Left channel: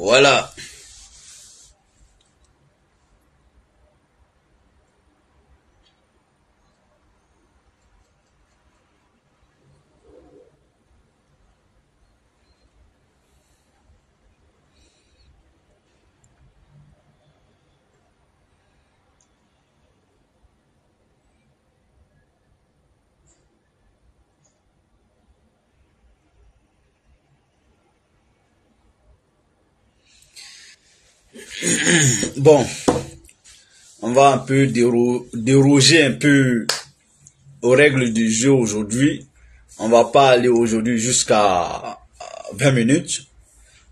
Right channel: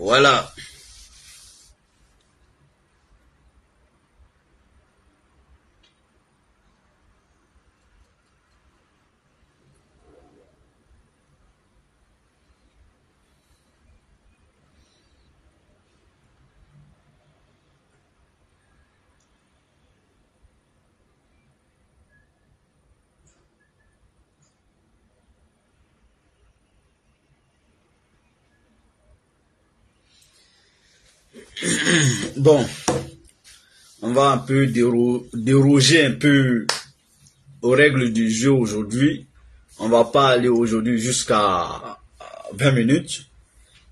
Voilà. Bon, on va un peu déroger un peu aux règles du jeu aujourd'hui. On va pas aller aujourd'hui jusqu'à 20 minutes.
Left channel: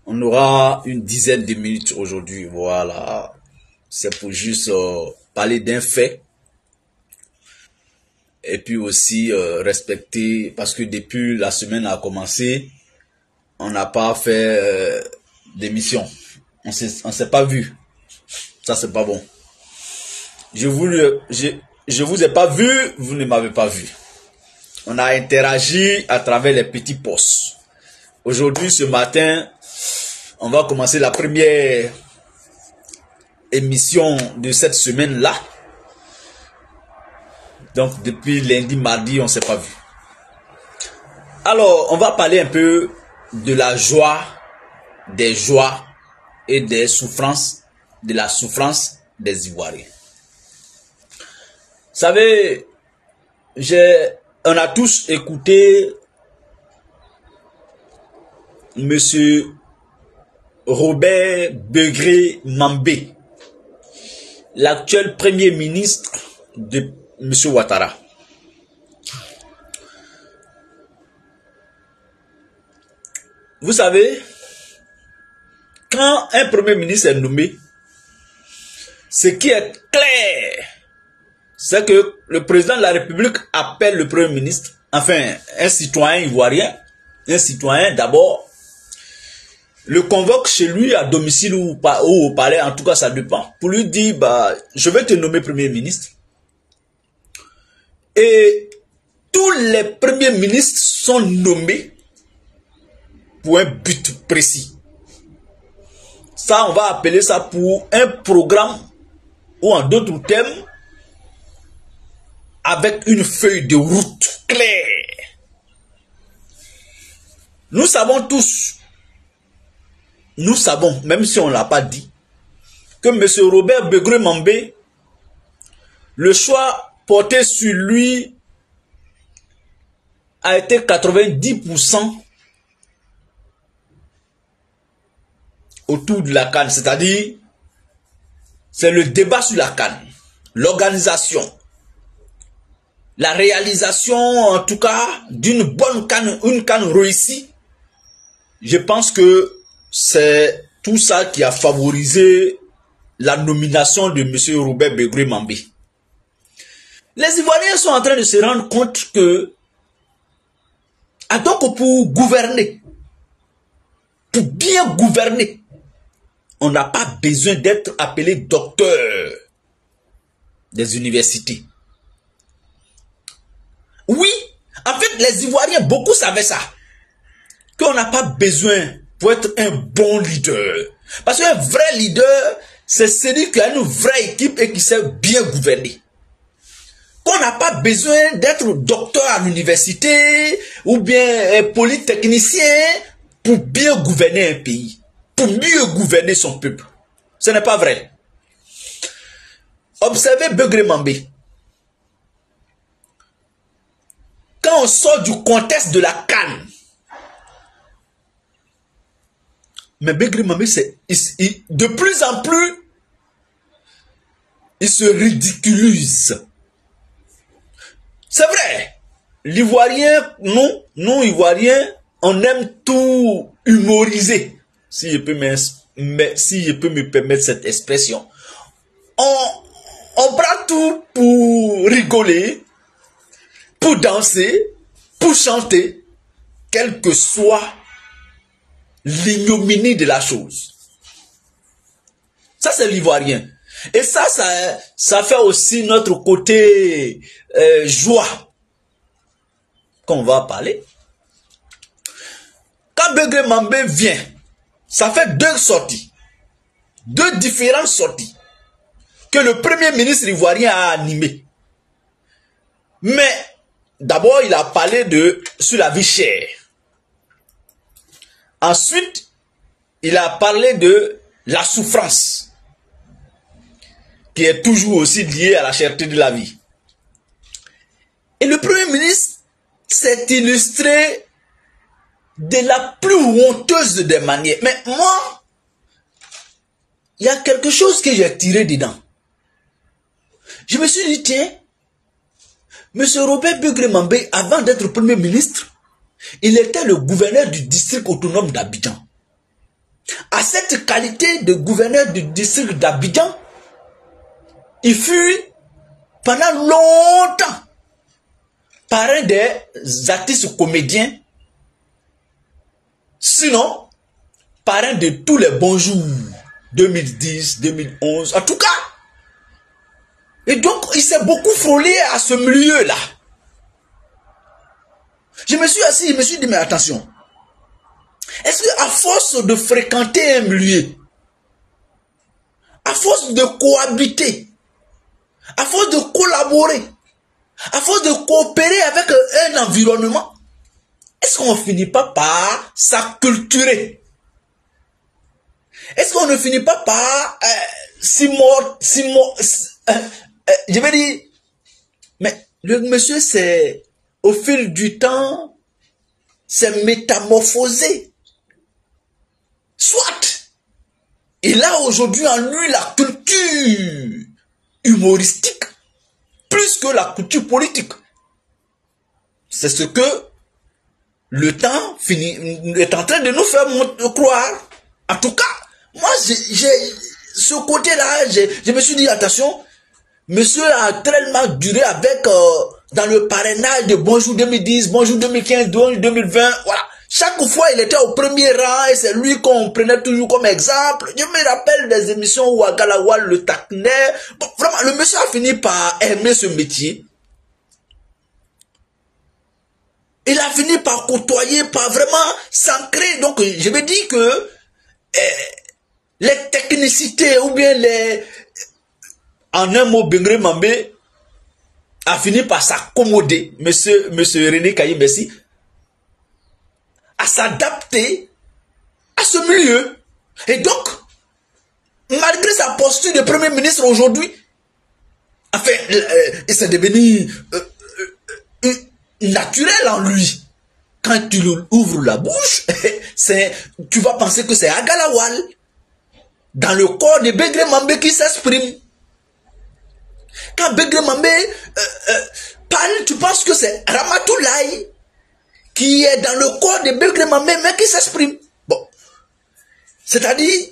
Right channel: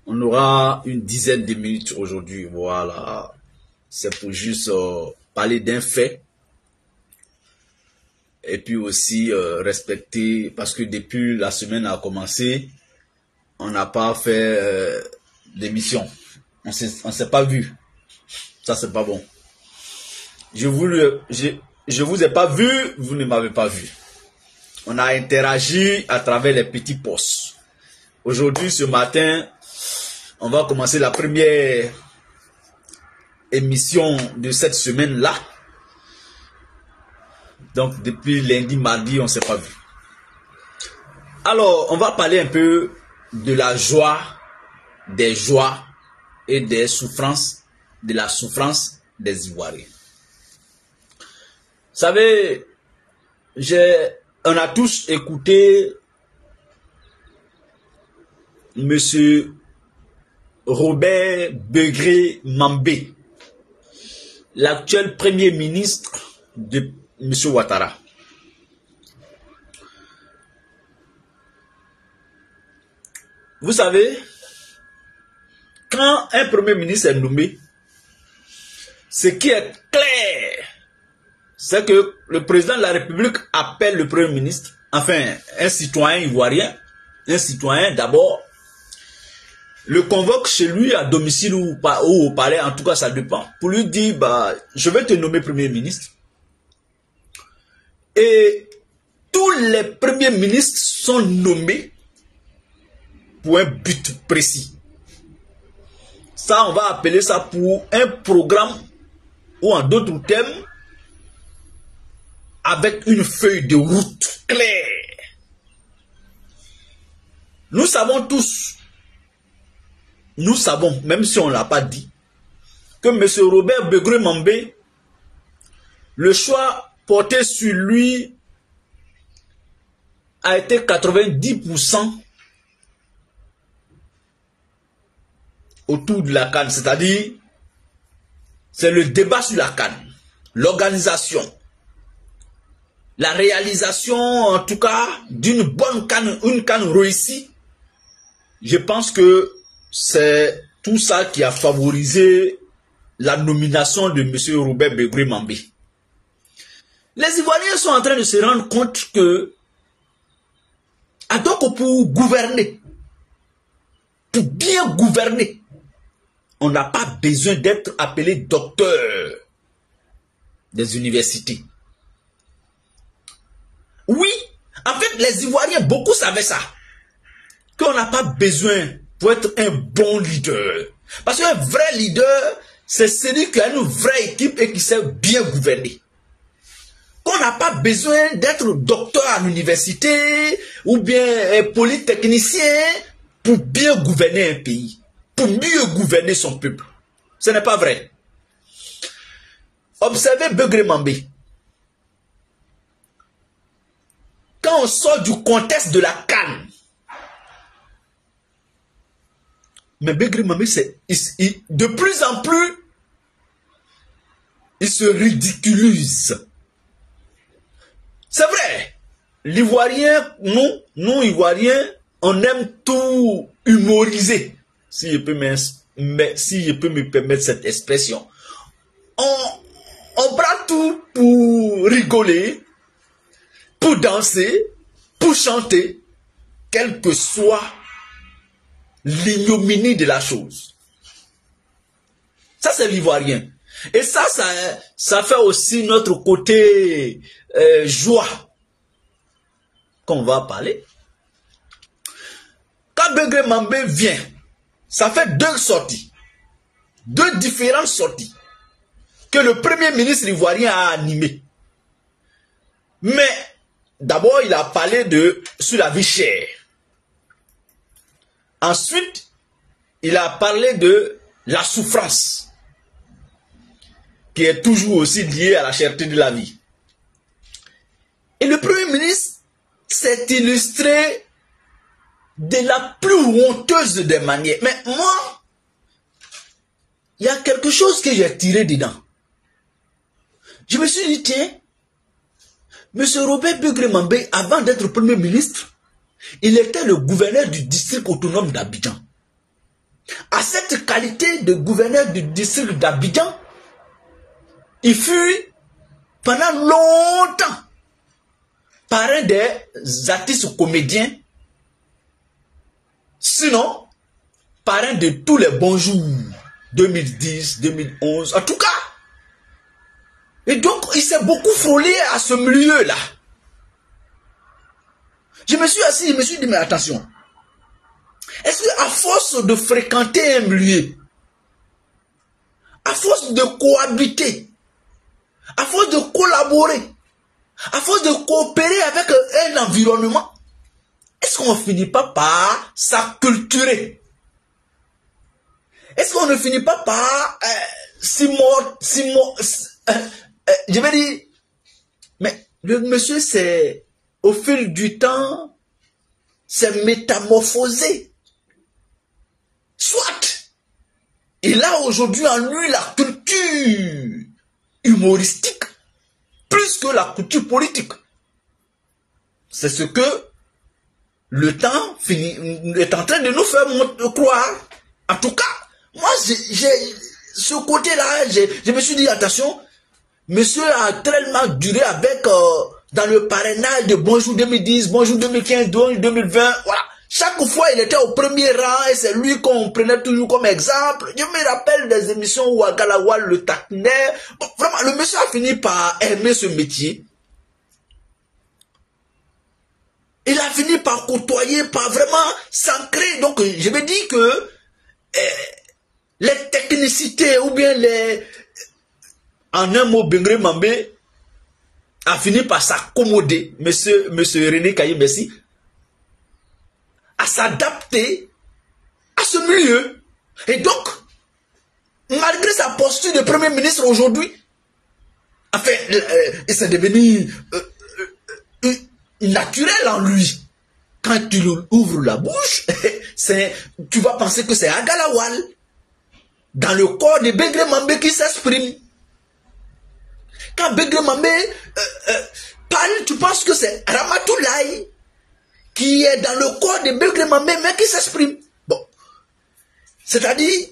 On aura une dizaine de minutes aujourd'hui. Voilà. C'est pour juste parler d'un fait. Et puis aussi respecter, parce que depuis la semaine a commencé, on n'a pas fait d'émission. On s'est pas vu. Ça, c'est pas bon. Je vous ai pas vu, vous ne m'avez pas vu. On a interagi à travers les petits posts. Aujourd'hui, ce matin, on va commencer la première émission de cette semaine-là. Donc, depuis lundi, mardi, on ne s'est pas vu. Alors, on va parler un peu de la joie, des joies et des souffrances, de la souffrance des Ivoiriens. Vous savez, on a tous écouté Monsieur Robert Begré Mambé, l'actuel premier ministre de Monsieur Ouattara. Vous savez, quand un premier ministre est nommé, ce qui est clair, c'est que le président de la République appelle le premier ministre, enfin un citoyen ivoirien, un citoyen d'abord, le convoque chez lui à domicile ou au palais, en tout cas ça dépend, pour lui dire, bah, je vais te nommer premier ministre. Et tous les premiers ministres sont nommés pour un but précis. Ça, on va appeler ça pour un programme, ou en d'autres termes, avec une feuille de route claire. Nous savons tous, même si on ne l'a pas dit, que M. Robert Begré Mambé, le choix porté sur lui a été 90% autour de la CAN, c'est-à-dire c'est le débat sur la CAN, l'organisation, la réalisation en tout cas d'une bonne CAN, une CAN réussie. Je pense que c'est tout ça qui a favorisé la nomination de M. Robert Begré Mambé. Les Ivoiriens sont en train de se rendre compte que, donc pour gouverner, pour bien gouverner, on n'a pas besoin d'être appelé docteur des universités. Oui, en fait, les Ivoiriens, beaucoup savaient ça. Qu'on n'a pas besoin pour être un bon leader. Parce qu'un vrai leader, c'est celui qui a une vraie équipe et qui sait bien gouverner. Qu'on n'a pas besoin d'être docteur à l'université ou bien polytechnicien pour bien gouverner un pays, pour mieux gouverner son peuple. Ce n'est pas vrai. Observez Begré Mambé. Quand on sort du contexte de la CAN, mais Begré Mambé, de plus en plus, il se ridiculise. C'est vrai. L'Ivoirien, nous Ivoiriens, on aime tout humoriser, si je peux me permettre cette expression. On prend tout pour rigoler, pour danser, pour chanter, quelle que soit l'ignominie de la chose. Ça, c'est l'Ivoirien. Et ça fait aussi notre côté joie qu'on va parler. Quand Begré Mambé vient, Ça fait deux sorties. Deux différentes sorties que le premier ministre ivoirien a animées. Mais d'abord, il a parlé sur la vie chère. Ensuite, il a parlé de la souffrance, qui est toujours aussi liée à la cherté de la vie. Et le premier ministre s'est illustré de la plus honteuse des manières. Mais moi, il y a quelque chose que j'ai tiré dedans. Je me suis dit, tiens, M. Robert Begré-Mambé, avant d'être Premier ministre, il était le gouverneur du district autonome d'Abidjan. À cette qualité de gouverneur du district d'Abidjan, il fut pendant longtemps parrain des artistes comédiens, sinon parrain de tous les bons jours, 2010, 2011, en tout cas. Et donc, il s'est beaucoup frôlé à ce milieu-là. Je me suis assis, je me suis dit, mais attention, est-ce qu'à force de fréquenter un milieu, à force de cohabiter, à force de collaborer, à force de coopérer avec un environnement, est-ce qu'on ne finit pas par s'acculturer? Est-ce qu'on ne finit pas par je vais dire, mais le monsieur c'est au fil du temps, s'est métamorphosé. Soit, il a aujourd'hui en lui la culture humoristique, plus que la culture politique. C'est ce que le temps est en train de nous faire croire. En tout cas, moi, j'ai ce côté-là, je me suis dit, attention, monsieur a tellement duré avec, dans le parrainage de Bonjour 2010, Bonjour 2015, Bonjour 2020, voilà. Chaque fois, il était au premier rang et c'est lui qu'on prenait toujours comme exemple. Je me rappelle des émissions où Agalawal le taquinait. Bon, vraiment, le monsieur a fini par aimer ce métier. Il a fini par côtoyer, par vraiment s'ancrer. Donc, je me dis que les technicités ou bien en un mot, Begré-Mambé a fini par s'accommoder, monsieur René Kayi-Bessi, à s'adapter à ce milieu. Et donc, malgré sa posture de Premier ministre aujourd'hui, enfin, c'est devenu naturel en lui. Quand tu ouvres la bouche, tu vas penser que c'est Agalawal, dans le corps de Begré-Mambé qui s'exprime. Quand Begré-Mambé parle, tu penses que c'est Ramatoulaye qui est dans le corps de Begré-Mambé, mais qui s'exprime. Bon. C'est-à-dire,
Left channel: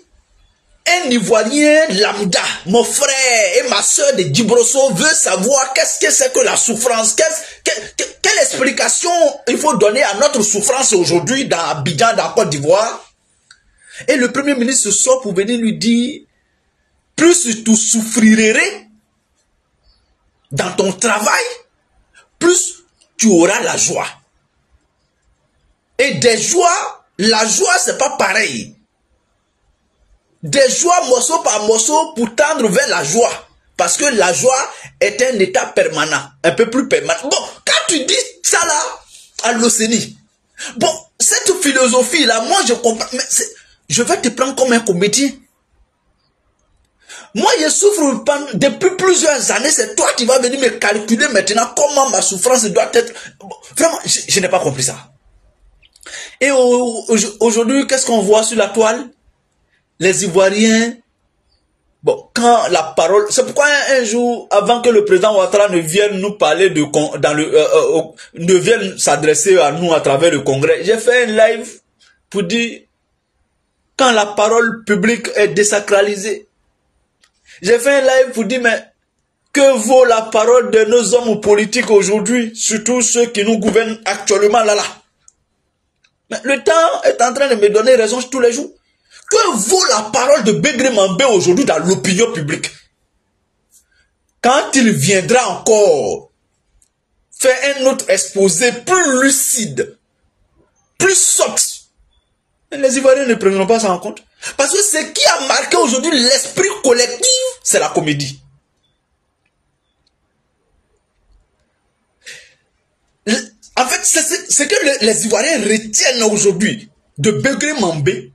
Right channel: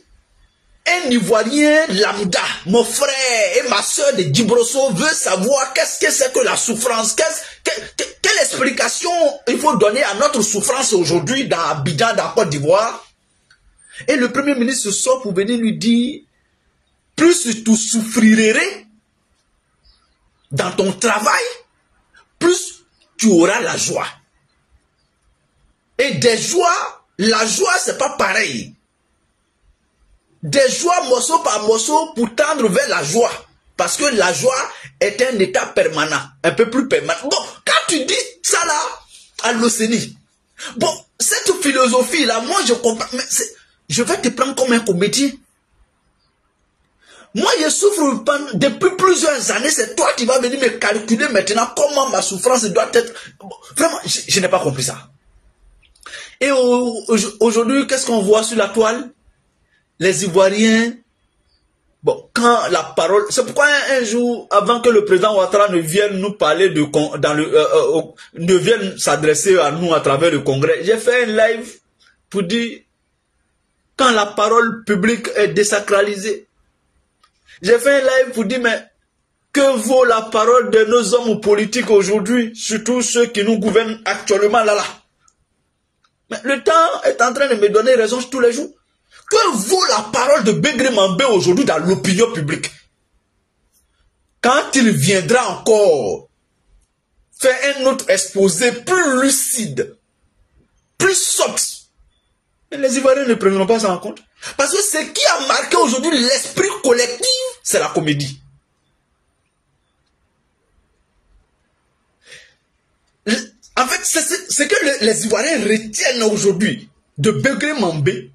un Ivoirien lambda, mon frère et ma soeur de Djibrosso veut savoir qu'est-ce que c'est que la souffrance, quelle explication il faut donner à notre souffrance aujourd'hui dans Abidjan, dans Côte d'Ivoire. Et le Premier ministre sort pour venir lui dire, plus tu souffrirais dans ton travail, plus tu auras la joie. Et des joies, la joie c'est pas pareil. Des joies morceau par morceau pour tendre vers la joie. Parce que la joie est un état permanent, un peu plus permanent. Bon, quand tu dis ça là, à l'Océanie, bon, cette philosophie-là, moi je comprends, mais je vais te prendre comme un comédien. Moi je souffre depuis plusieurs années, c'est toi qui vas venir me calculer maintenant comment ma souffrance doit être. Bon, vraiment, je n'ai pas compris ça. Et aujourd'hui, qu'est-ce qu'on voit sur la toile? Les Ivoiriens, bon, quand la parole, c'est pourquoi un jour, avant que le président Ouattara ne vienne nous parler ne vienne s'adresser à nous à travers le Congrès, j'ai fait un live pour dire, quand la parole publique est désacralisée, j'ai fait un live pour dire, mais que vaut la parole de nos hommes politiques aujourd'hui, surtout ceux qui nous gouvernent actuellement là. Mais le temps est en train de me donner raison tous les jours. Que vaut la parole de Begré-Mambé aujourd'hui dans l'opinion publique? Quand il viendra encore faire un autre exposé plus lucide, plus soft, Les Ivoiriens ne prendront pas ça en compte. Parce que ce qui a marqué aujourd'hui l'esprit collectif, c'est la comédie. En fait, c'est ce que les Ivoiriens retiennent aujourd'hui de Begré Mambé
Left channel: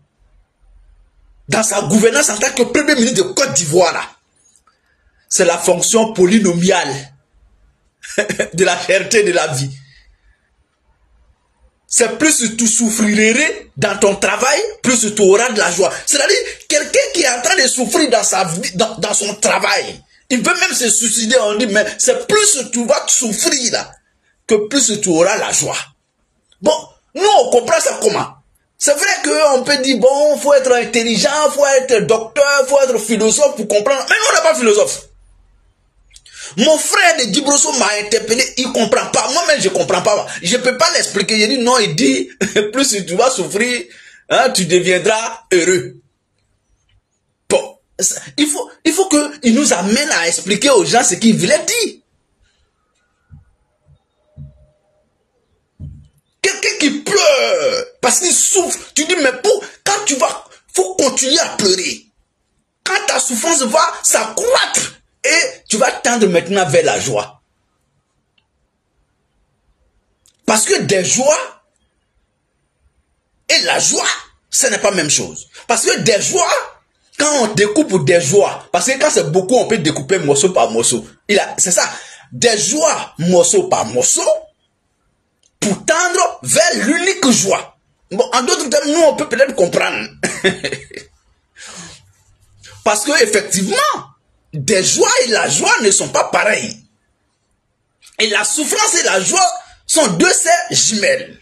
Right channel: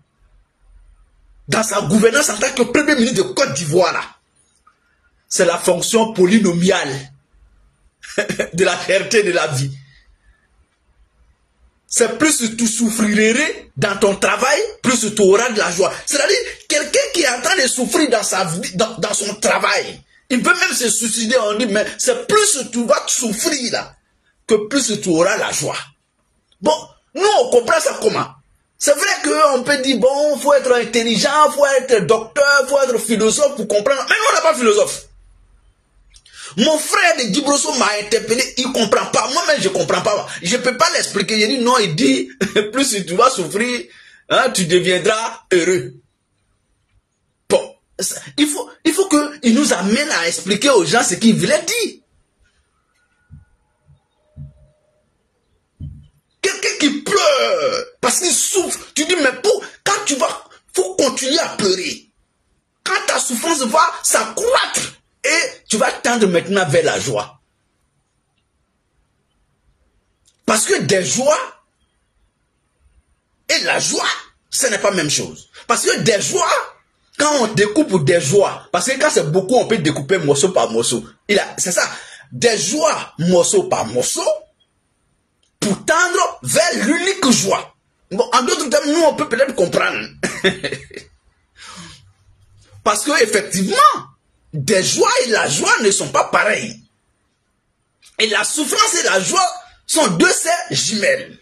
dans sa gouvernance en tant que premier ministre de Côte d'Ivoire. C'est la fonction polynomiale de la fierté de la vie. C'est plus tu souffrirais dans ton travail, plus tu auras de la joie. C'est-à-dire, quelqu'un qui est en train de souffrir dans sa vie, dans son travail, il veut même se suicider, on dit, mais c'est plus tu vas souffrir là, que plus tu auras la joie. Bon, nous on comprend ça comment? C'est vrai qu'on peut dire, bon, il faut être intelligent, il faut être docteur, il faut être philosophe pour comprendre. Mais nous on n'est pas philosophe. Mon frère de Dibrosso m'a interpellé, il ne comprend pas. Moi-même, je ne comprends pas. Je ne peux pas l'expliquer. Il dit non, il dit, plus tu vas souffrir, hein, tu deviendras heureux. Bon, il faut qu'il nous amène à expliquer aux gens ce qu'il voulait dire. Quelqu'un qui pleure parce qu'il souffre, tu dis, mais quand tu vas, il faut continuer à pleurer. Quand ta souffrance va s'accroître, et tu vas tendre maintenant vers la joie. Parce que des joies et la joie, ce n'est pas la même chose. Parce que des joies, quand on découpe des joies, parce que quand c'est beaucoup, on peut découper morceau par morceau. C'est ça, des joies morceau par morceau, pour tendre vers l'unique joie. Bon, en d'autres termes, nous, on peut peut-être comprendre. Parce que effectivement, des joies et la joie ne sont pas pareilles. Et la souffrance et la joie sont deux sœurs jumelles.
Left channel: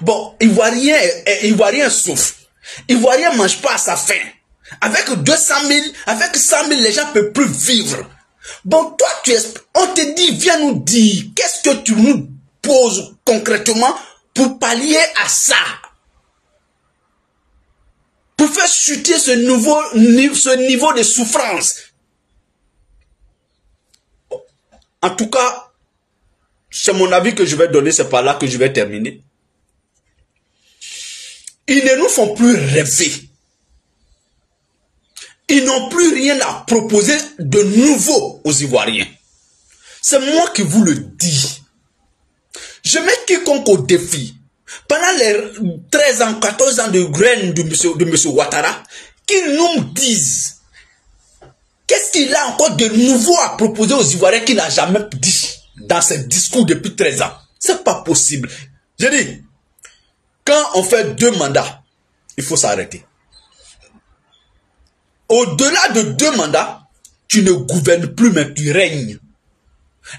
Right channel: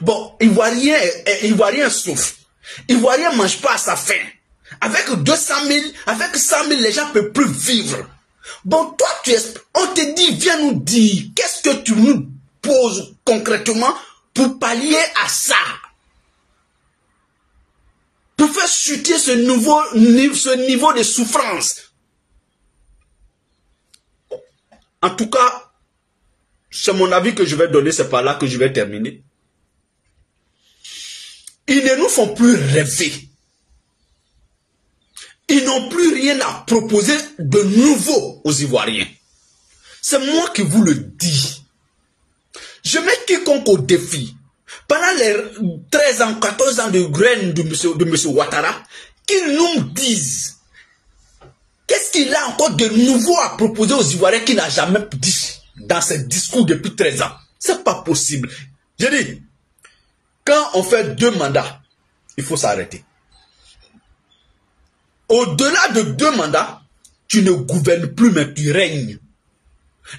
Bon, Ivoirien souffre. Ivoirien ne mange pas à sa faim. Avec 200 000, avec 100 000, les gens ne peuvent plus vivre. Bon, toi, on te dit, viens nous dire, qu'est-ce que tu nous poses concrètement pour pallier à ça? Pour faire chuter ce niveau de souffrance. En tout cas, c'est mon avis que je vais donner, c'est par là que je vais terminer. Ils ne nous font plus rêver. Ils n'ont plus rien à proposer de nouveau aux Ivoiriens. C'est moi qui vous le dis. Je mets quiconque au défi. Pendant les 13 ans, 14 ans de graine de M. Ouattara, qu'ils nous disent qu'est-ce qu'il a encore de nouveau à proposer aux Ivoiriens qu'il n'a jamais dit dans ses discours depuis 13 ans. C'est pas possible. Je dis, quand on fait 2 mandats, il faut s'arrêter. Au-delà de 2 mandats, tu ne gouvernes plus, mais tu règnes.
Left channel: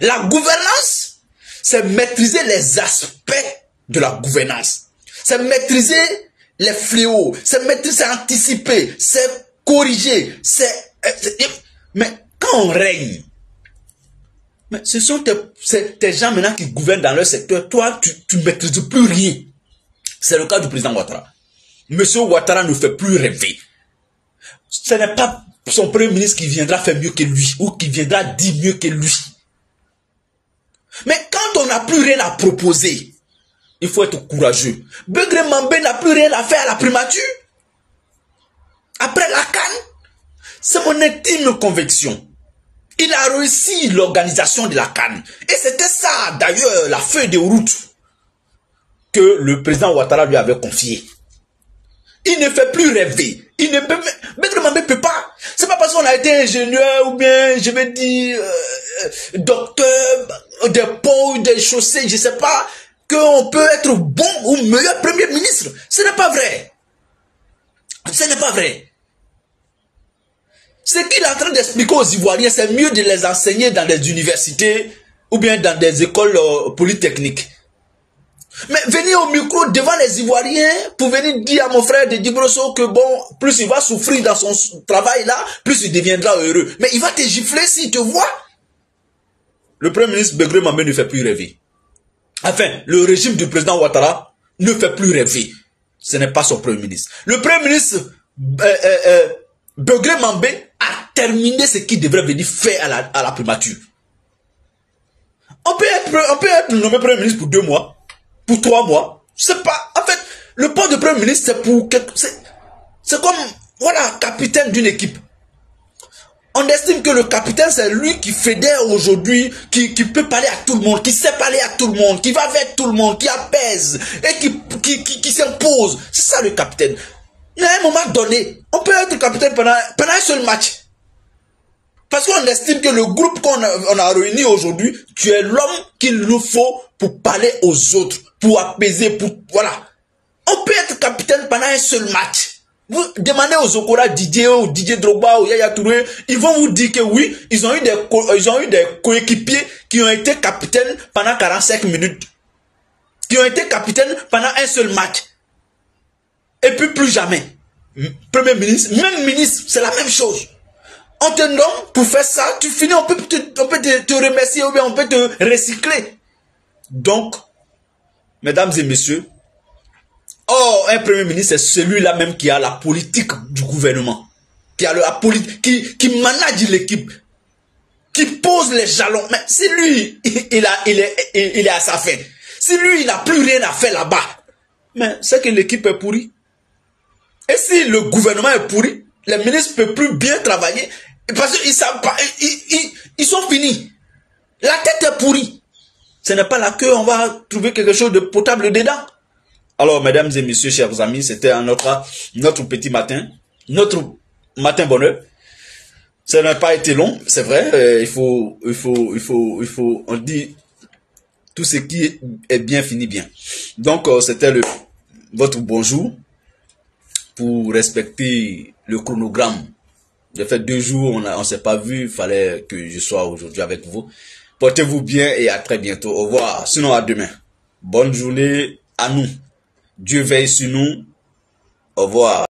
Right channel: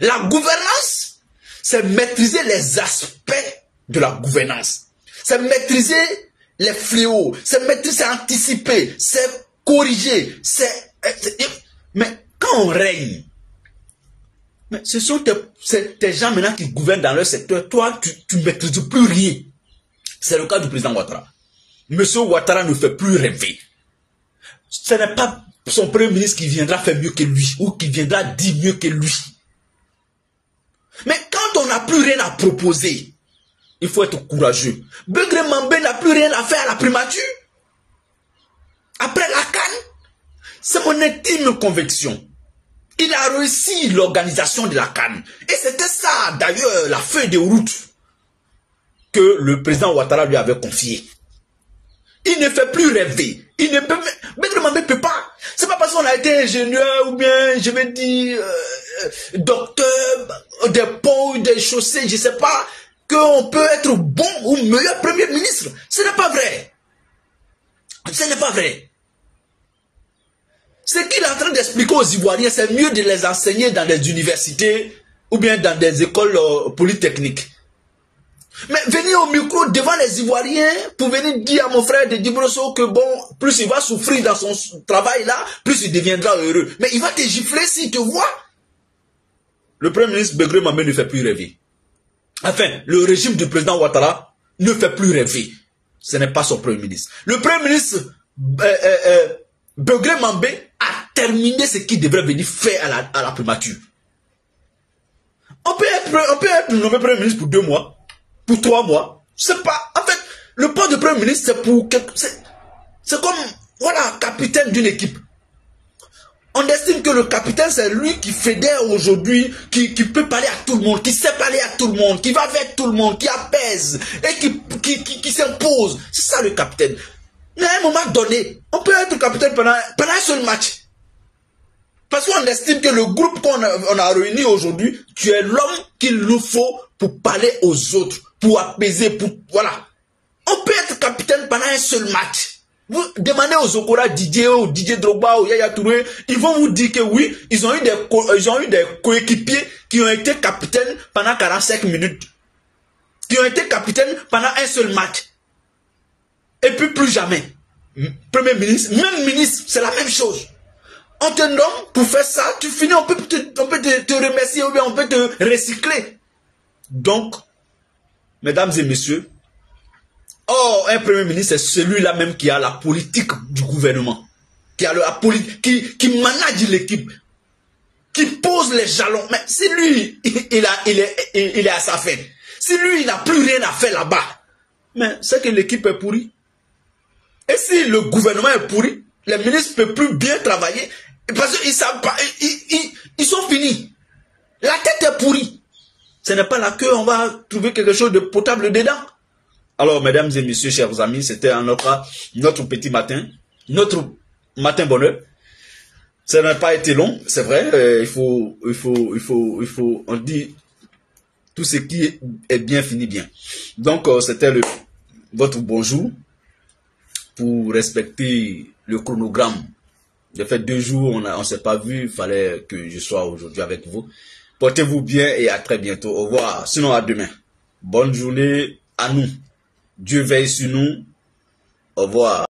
La gouvernance, c'est maîtriser les aspects de la gouvernance. C'est maîtriser les fléaux, c'est maîtriser, c'est anticiper, c'est corriger, mais quand on règne, mais ce sont tes gens maintenant qui gouvernent dans leur secteur, toi tu ne maîtrises plus rien. C'est le cas du président Ouattara. Monsieur Ouattara ne fait plus rêver. Ce n'est pas son premier ministre qui viendra faire mieux que lui, ou qui viendra dire mieux que lui. Mais quand on n'a plus rien à proposer, il faut être courageux. Begré Mambé n'a plus rien à faire à la primature. Après la CAN, c'est mon intime conviction. Il a réussi l'organisation de la CAN. Et c'était ça, d'ailleurs, la feuille de route que le président Ouattara lui avait confiée. Il ne fait plus rêver. Il ne peut, Begré Mambé ne peut pas. C'est pas parce qu'on a été ingénieur ou bien, je vais dire, docteur, des ponts, des chaussées, je ne sais pas, qu'on peut être bon ou meilleur premier ministre. Ce n'est pas vrai. Ce n'est pas vrai. Ce qu'il est en train d'expliquer aux Ivoiriens, c'est mieux de les enseigner dans des universités ou bien dans des écoles polytechniques. Mais venir au micro devant les Ivoiriens pour venir dire à mon frère de Dibrosso que bon, plus il va souffrir dans son travail là, plus il deviendra heureux. Mais il va te gifler s'il te voit. Le premier ministre Begré Mambé ne fait plus rêver. Enfin, le régime du président Ouattara ne fait plus rêver. Ce n'est pas son premier ministre. Le premier ministre Begré Mambé a terminé ce qu'il devrait venir faire à la primature. On peut être nommé premier ministre pour 2 mois, pour 3 mois. C'est pas. En fait, Le poste de Premier ministre, c'est pour... C'est comme, voilà, capitaine d'une équipe. On estime que le capitaine, c'est lui qui fédère aujourd'hui, qui peut parler à tout le monde, qui sait parler à tout le monde, qui va avec tout le monde, qui apaise et qui s'impose. C'est ça le capitaine. Mais à un moment donné, on peut être capitaine pendant un seul match. Parce qu'on estime que le groupe qu'on a réuni aujourd'hui, tu es l'homme qu'il nous faut pour parler aux autres, pour apaiser, pour... Voilà. On peut être capitaine pendant un seul match. Vous demandez aux Okora Didier ou Didier Drogba ou Yaya Touré, ils vont vous dire que oui, ils ont eu des coéquipiers qui ont été capitaines pendant 45 minutes. Qui ont été capitaines pendant un seul match. Et puis plus jamais. Premier ministre, même ministre, c'est la même chose. On te nomme pour faire ça, tu finis, on peut te remercier ou bien on peut te recycler. Donc, mesdames et messieurs, un premier ministre, c'est celui-là même qui a la politique du gouvernement, qui a la politique, qui manage l'équipe, qui pose les jalons. Mais si lui, il est à sa fin, si lui, il n'a plus rien à faire là-bas, mais c'est que l'équipe est pourrie. Et si le gouvernement est pourri, les ministres ne peuvent plus bien travailler, parce qu'ils savent pas, ils sont finis. La tête est pourrie. Ce n'est pas là qu'on va trouver quelque chose de potable dedans. Alors, mesdames et messieurs, chers amis, c'était notre petit matin, notre matin bonheur. Ça n'a pas été long, c'est vrai. On dit tout ce qui est bien finit bien. Donc, c'était votre bonjour pour respecter le chronogramme. J'ai fait 2 jours, on ne s'est pas vu, il fallait que je sois aujourd'hui avec vous. Portez-vous bien et à très bientôt. Au revoir, sinon à demain. Bonne journée à nous. Dieu veille sur nous. Au revoir.